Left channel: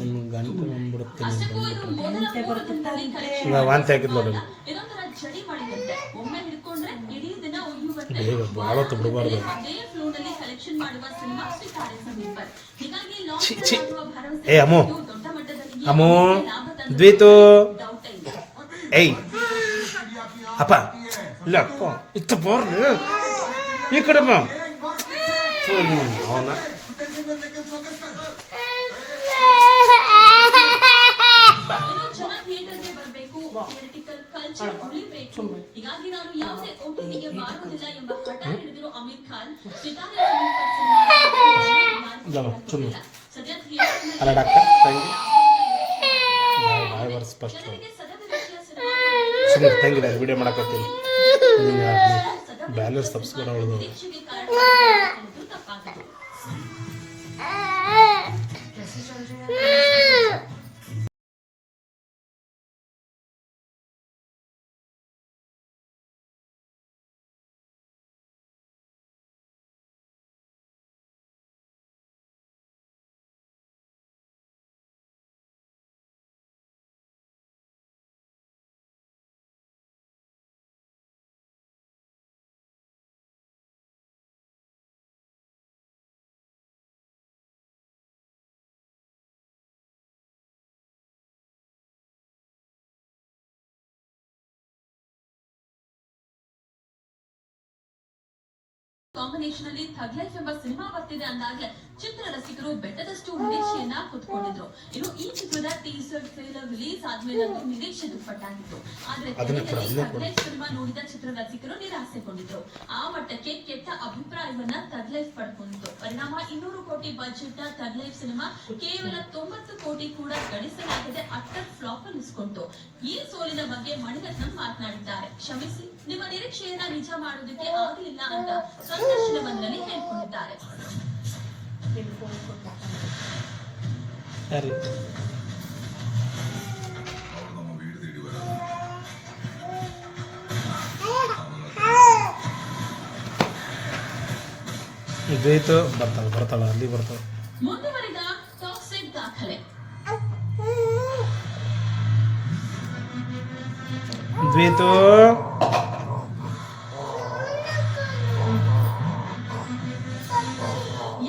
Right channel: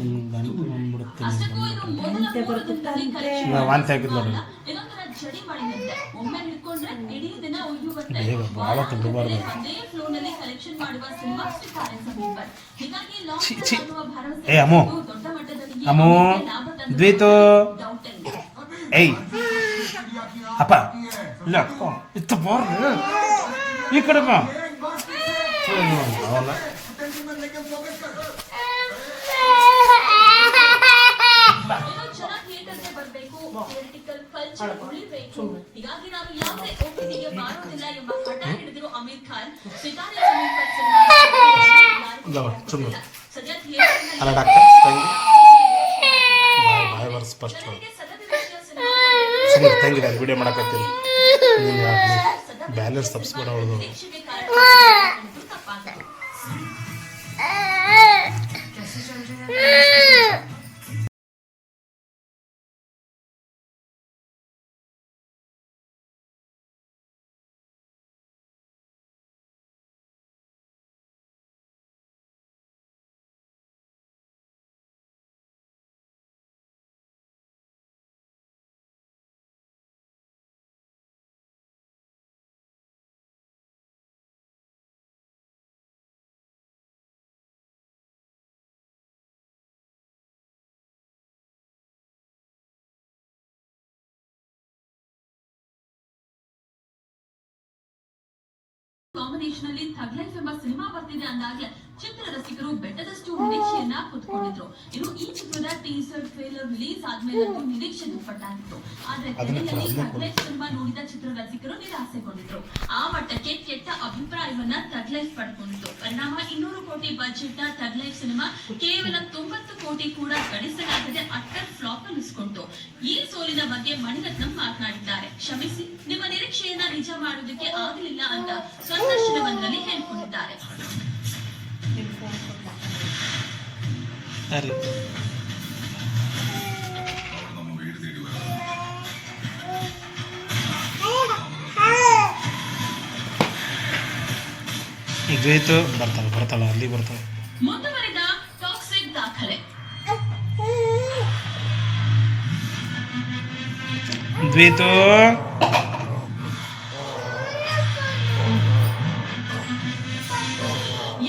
ಒಂದು ಗಂಟೆ ಬಂದ್ಬಿಡುತ್ತೆ ವಾಂತಿ ಹಾಕಿದ್ ನೋಡಿ ಭಾಳತ್ತು ಬಿಡಬಾರ್ದು ಏ ಅಮ್ಮು ಅಮ್ಮು ದ್ವೈತು ಏಯ್ ಅಪ್ಪ ಇಲ್ಲ ಅಪ್ಪ ಇತ್ತು ಬೋರ್ರಿ ಈ ಕಡೆ ಅವನ ಅಲ್ಲ ಡಾಕ್ಟರ್ ಬಾಯ್ ಬರ್ಸ್ ಫಸ್ಟ್ ಸುಮ್ಮನೆ ತಂಗಿದೆ ಅದು ವಿಡಿಯೋ ಮಾಡಕತ್ತೀನಿ ಬ್ಯಾಲೆನ್ಸ್ ತಪ್ಪಿಸ್ಬೇಡ ಅವಳದು ಕಾಂಬಿನೇಷನ್ ಅಲ್ಲಿ ಥಗ್ ಲೈಫ್ ಎಂಬ ಸಿನಿಮಾ ಬರ್ತಿದೆ ಅಂದಾಗಲೇ ಚಿತ್ರ ರಸಿಕರು ಬೆಟ್ಟದಷ್ಟು ನಿರೀಕ್ಷೆಯನ್ನ ಹೊತ್ಕೊಂಡಿದ್ರು. ಇನ್ನು ಈ ಚಿತ್ರದ ಟೀಸರ್ ಟ್ರೇಲರ್ ರಿಲೀಸ್ ಆದ್ಮೇಲೆ ನಿರೀಕ್ಷೆ ದುಪ್ಪಟ್ಟಾಗಿತ್ತು. ಆದ್ರೆ ಥಗ್ ಲೈಫ್ ಸಿನಿಮಾ ನೋಡಿದ ಚಿತ್ರ ರಸಿಕರು ನಿರಾಸೆಗೊಂಡಿದ್ರು. ಆ ಮಟ್ಟಕ್ಕೆ ಕೆಟ್ಟ ಅಭಿಪ್ರಾಯವನ್ನ ಥಗ್ ಲೈಫ್ ಪಡ್ಕೊಂಡಿತ್ತು. ಪರಿಣಾಮ 200 ಕೋಟಿ ಬಜೆಟ್ ನ ಥಗ್ ಲೈಫ್ ಸಿನಿಮಾ ಕೇವಲ 90 ಕೋಟಿ ಕೂಡ ಗಳಿಸಲಾಗದೆ ಅಟ್ಟರ್ ಫ್ಲಾಪ್ ಅನ್ನಿಸ್ಕೊಂತು. ಈ ಸೋಲಿನ ಬಗ್ಗೆ ಮಣಿರತ್ನಂ ಮಾತನಾಡಿದ್ದಾರೆ. ಕ್ಷಮಿಸಿ, ನಿಮ್ಮ ನಿರೀಕ್ಷೆಯನ್ನ ನಿಜ ಮಾಡೋದಕ್ಕೆ ಆಗಲಿಲ್ಲ ಅಂತ ಸಂದರ್ಶನವೊಂದರಲ್ಲಿ ಹೇಳಿಕೊಂಡಿದ್ದಾರೆ. ದ್ವೈತು ಬರ್ತಾಳ ಅಲ್ಲಿ ಬರ್ತಾಳೆ. ಮುಂದುವರಿದ ಟಾಕ್ಸಿಕ್ ದಾಖಲೆ. ದ್ವೈತು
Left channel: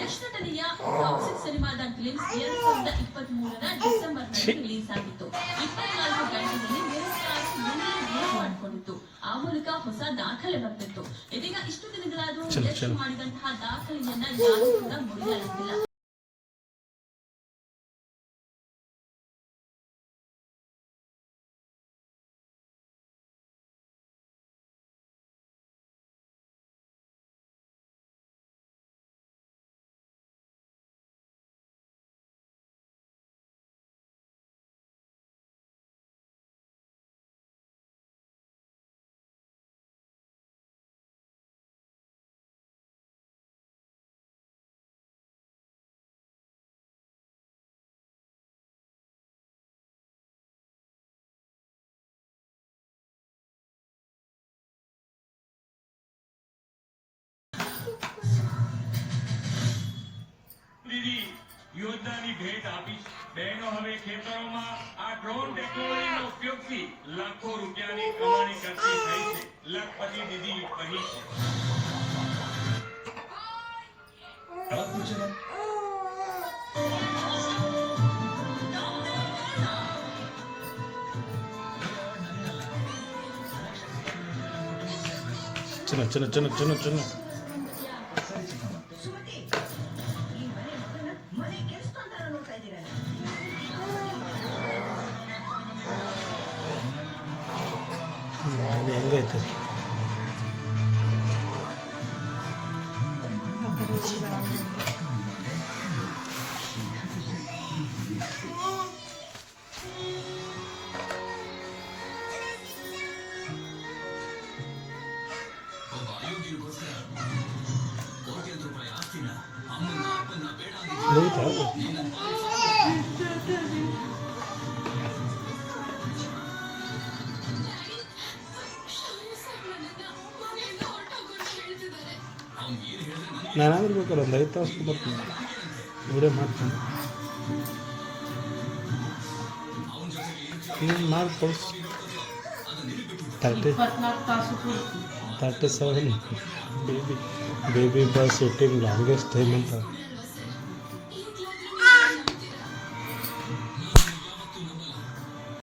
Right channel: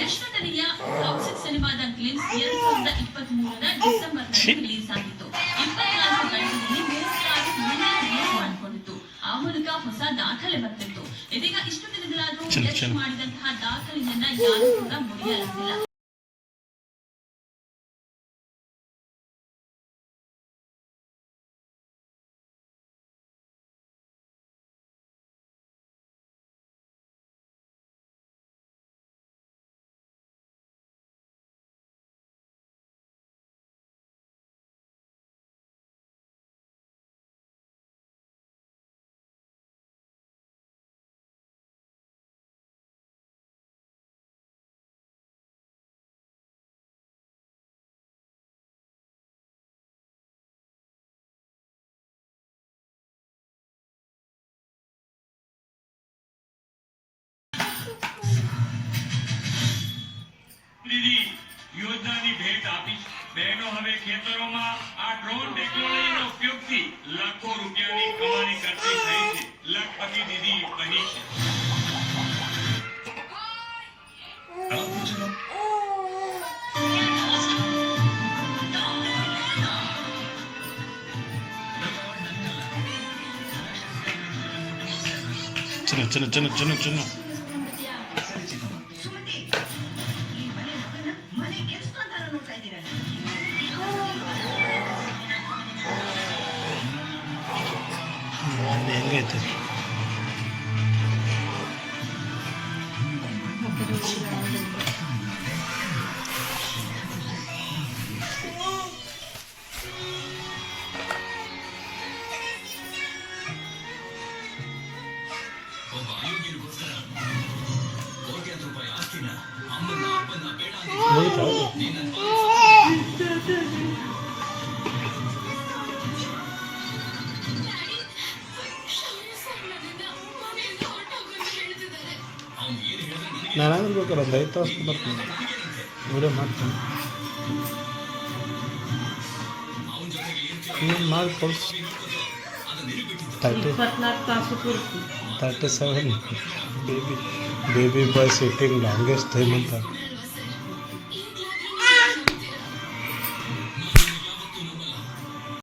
ಯಶ್ವತನಿಯ ಟಾಕ್ಸಿಕ್ ಸಿನಿಮಾದ ಗ್ಲಿಮ್ಸ್ 2023ರ ಡಿಸೆಂಬರ್ನಲ್ಲಿ ರಿಲೀಸ್ ಆಗಿತ್ತು. 24 ಗಂಟೆಯಲ್ಲಿ 36 ಮಿಲಿಯನ್ ವ್ಯೂಸ್ ಮಾಡಿಕೊಂಡಿತ್ತು. ಆ ಮೂಲಕ ಹೊಸ ದಾಖಲೆ ಬರ್ತಿತ್ತು. ಇದೀಗ ಇಷ್ಟು ದಿನಗಳಾದರೂ ಯಶ್ ಮಾಡಿದಂತಹ ದಾಖಲೆಯನ್ನ ಯಾರೂ ಕೂಡ ಮುರಿಯಲಾಗಿಲ್ಲ. યોજનાની ભેટ આપી. બહેનો હવે ખેતરોમાં આ ડ્રોન ટેકનોલોજીનો ઉપયોગથી લાખો રૂપિયાની કમાણી કરતી થઈ છે. લખપતિ દીદી બની છે. ಚಿನ್ನ ಹೆಂಗೈತೆ ನಾನಾದ್ರೂ ಬೇಕಾದ್ರೆ ಒಂದು 5 ತಾಸು ಬರ್ತೀನಿ ವಿಡಿಯೋ ಮಾಡ್ತೀನಿ. ಏನು ಮಾಡಿ ತೋರಿಸ್ 24 ತಾಸು ಪೂರ್ತಿ 37 ಬೇಬಿ ಬಾಯ್ ಸಿಟ್ಟಿಂಗ್ ಲಾಂಗೆಸ್ಟ್ ಟೈಮ್ ಅಂತ